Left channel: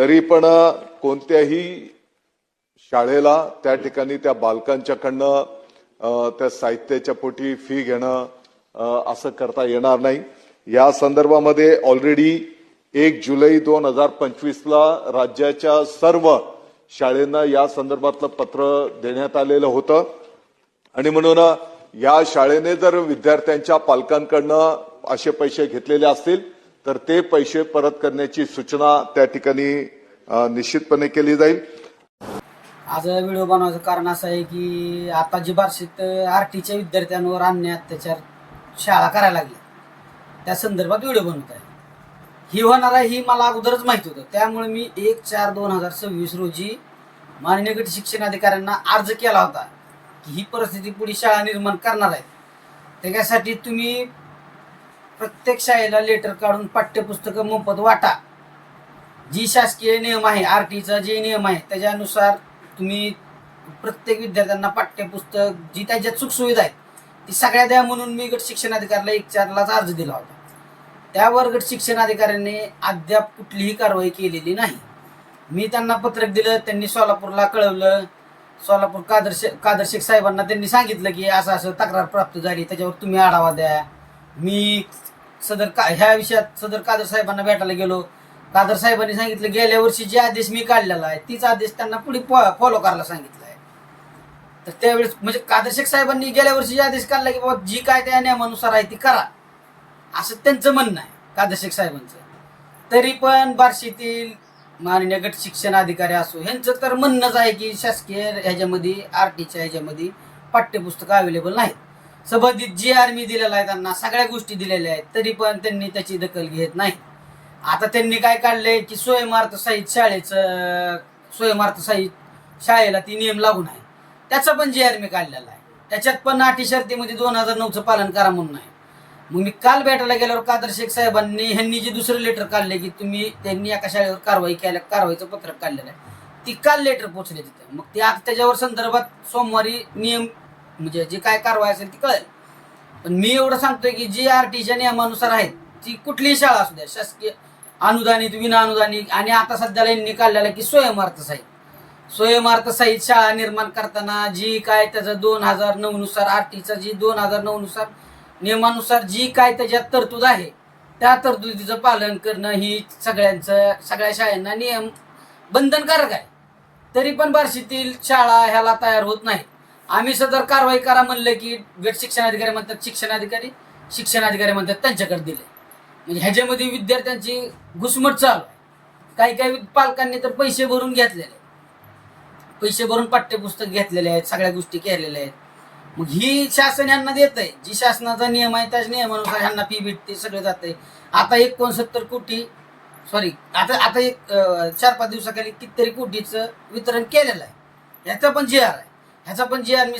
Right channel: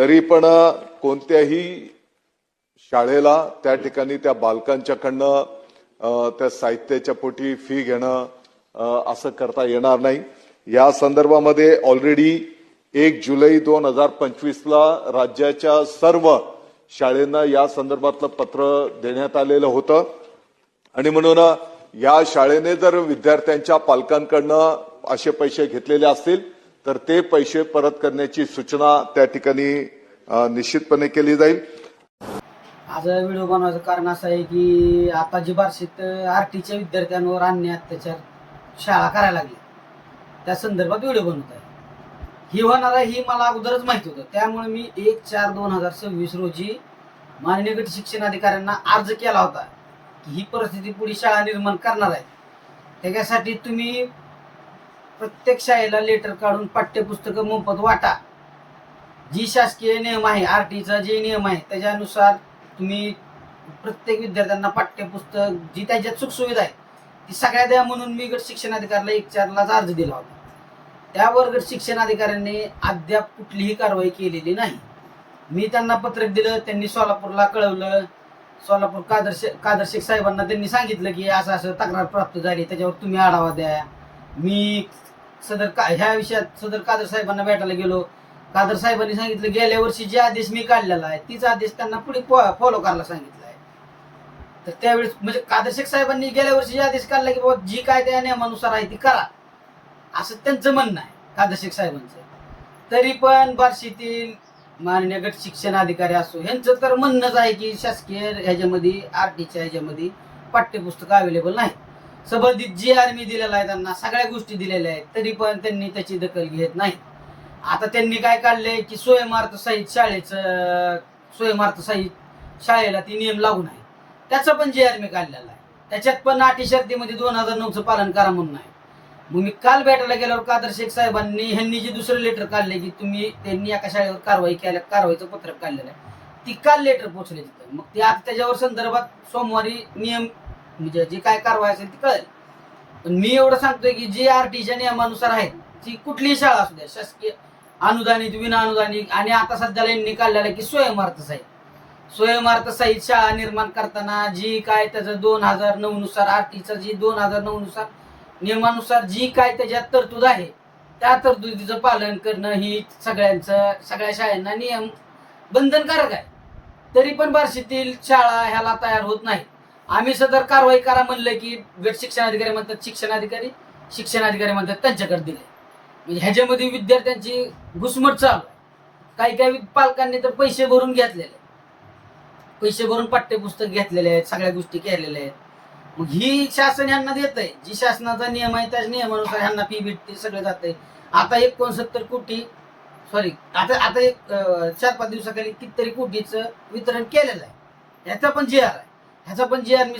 तरी पण कोणत्याही शाळेला त्या ठिकाणी त्या बालकांच्याकडनं त्या साहित्याच्या पोटी फी घेणं असं करता येणार नाही। या संदर्भामध्ये ऑलरेडी 1 जुलै 2025 ला राज्याच्या सर्व शाळांना या संदर्भातलं पत्र देण्यात आलेलं होतं आणि म्हणून या शाळेने जर विद्यार्थ्यांच्या पालकांकडनं असे पैसे घेतलेले असतील तर ते पैसे परत करण्याची सूचना त्या ठिकाणी निश्चितपणे केली जाईल। आज व्हिडिओ बनवायचं कारण असं आहे की आता जी बार्शीत आरटीच्या विद्यार्थ्यांवर अन्याय अत्याचार शाळा करायला लागली त्या संदर्भात व्हिडिओ बनवत आहे। ही होणार आहे ही मला अगोदरच माहिती होतं, त्यामुळे मी 1/4/2026 रोजी माननीय गट शिक्षण अधिकाऱ्यांना अर्ज केला होता की ही परिस्थिती पुढे शाळा निर्माण करणार आहे। त्याच्यासाठी तुम्ही प्रत्येक शाळेला लेटर काढून पाठ्यपुस्तकं मोफत वाटा। जी शासकीय नियम आहे आरटीचा जे नियम आहे त्याच्यानुसार तुम्ही प्रत्येक विद्यार्थ्यांना पाठ्यपुस्तक जी त्याच्यात सुखसुविधा आहे ती सगळ्या द्या म्हणून मी गट शिक्षण अधिकाऱ्याला 1/4 अर्ज दिला होता। त्यावर गट शिक्षण अधिकाऱ्यांनी अद्याप कुठलीही कारवाई केलेली नाही। मी त्यांना पत्रक दिलं, त्यांनी सोलापूरला कळवलं, सोलापूर कादर शेख साहेबांना त्यांनी सांगितलं की असं असं तक्रार प्राप्त झाली, त्याच्यावर तुम्ही आढावा द्या। मी ह्या विषयात सदर कादर साहेबांना भेटायला गेलो, कादर साहेबांनी सांगितलं गेल्या वर्षी जे आदेश मी काढलेला आहे तीच आदेश त्यांना पुढे फॉलो करायला सांगितलं आहे। तर त्यावेळेस म्हणजे कादर शेख साहेबांनी गेल्या वर्षी जे आदेश काढला की बाबा जी काय त्या नियमानुसार आहे ती करा असं त्यांचं म्हणणं आहे कादर शेख साहेबांचं। तरी पण बार्शीतील माननीय गट शिक्षण अधिकारी असो ह्यांचं तर म्हणणंच आहे की शासकीय ह्याच्यामध्ये आरटीच्या ह्याच्यामध्ये पाठ्यपुस्तकं अवेलेबल नाहीत। संबंधित जी आर मी दिलेला आहे त्यांना सगळ्या गोष्टी दिलेल्या आहेत तरी पण त्यांनी त्याची दखल घेत नाही। आता त्यांनी काय काढलंय की स्वयंअर्थ साहित्य शाळेला ती नियम लागू नाही, त्याचं पण जी आर मी काढलेला आहे। त्याच्यात पण अटी शर्तीमध्ये 2009चं पालन करा म्हणून आहे। मग मी काल भेटायला गेल्यावर कादर शेख साहेबांनी ह्यांनी जे दुसरं लेटर काढले की त्यांनी एका शाळेवर कारवाईचं पत्रक काढलेलं आहे ती काल लेटर पोहोचले तिथं। मग ते आता त्याच्यावर संदर्भात सोमवारी नियम म्हणजे जी काय कारवाई असेल ती कळेल। पण मी एवढं सांगतोय की जी आरटीच्या नियमानुसार आहेत ती कुठलीही शाळा असू द्या, शासकीय अनुदानित विना अनुदानित आणि आता सध्याला यांनी काढलेलं की स्वयंअर्थ साहित्य शाळा निर्माण करताना जी काय त्याचं 2009 नुसार आरटीचा जी 2009 नुसार नियमानुसार जी काय त्याच्यात तरतूद आहे त्या तरतुदीचं पालन करणं ही सगळ्या शाळांना नियम बंधनकारक आहे। तरी पण बार्शीतील शाळा ह्याला तयार होत नाहीत। आम्ही सदर कारवाई करा म्हणलं की गट शिक्षण अधिकारी म्हणतात शिक्षण अधिकारी म्हणतात त्यांच्याकडे दिले। म्हणजे ह्याच्यामध्ये विद्यार्थ्यांची घुसमट चालू आहे। काही पालकांनी तर पैसे भरून घेतलेले, पैसे भरून पाठ्यपुस्तक घेतलेले आहेत, सगळ्या गोष्टी केलेल्या आहेत। मग ही शासन ह्यांना देत आहे, जी शासनाचा नियम आहे त्याच नियमानुसार ह्यांना फी भेटते, सगळं जात आहे। आता 69 कोटी आता एक 4-5 दिवसाखाली कितीतरी कोटीचं वितरण केलेलं आहे। ह्याचा पण जी आर आहे, ह्याचा पण जी आर मी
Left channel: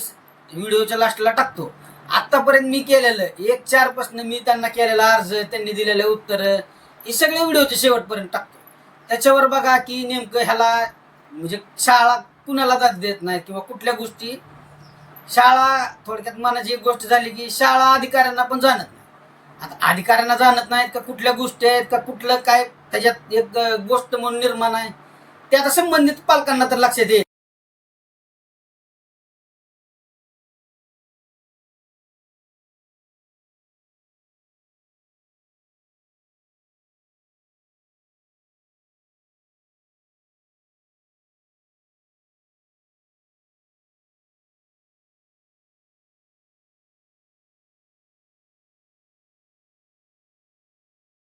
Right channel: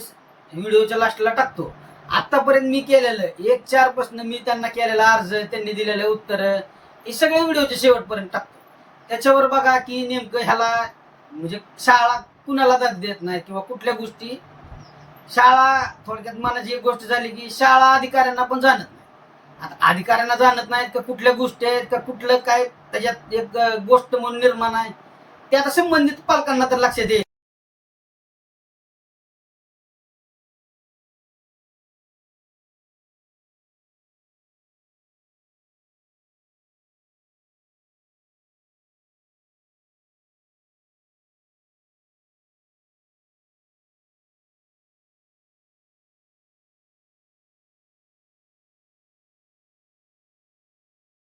व्हिडिओच्या लास्टला टाकतो। आतापर्यंत मी केलेलं 1/4 पासून मी त्यांना केलेला अर्ज, त्यांनी दिलेलं उत्तर हे सगळे व्हिडिओच्या शेवटपर्यंत टाकतो। त्याच्यावर बघा की नेमकं ह्याला म्हणजे शाळा कुणाला दाद देत नाही किंवा कुठल्या गोष्टी शाळा थोडक्यात मनाची एक गोष्ट झाली की शाळा अधिकाऱ्यांना पण जाणत नाही। आता अधिकाऱ्यांना जाणत नाहीत का कुठल्या गोष्टी आहेत का कुठलं काय त्याच्यात एक गोष्ट म्हणून निर्माण आहे ते आता संबंधित पालकांना तर लक्षात येईल।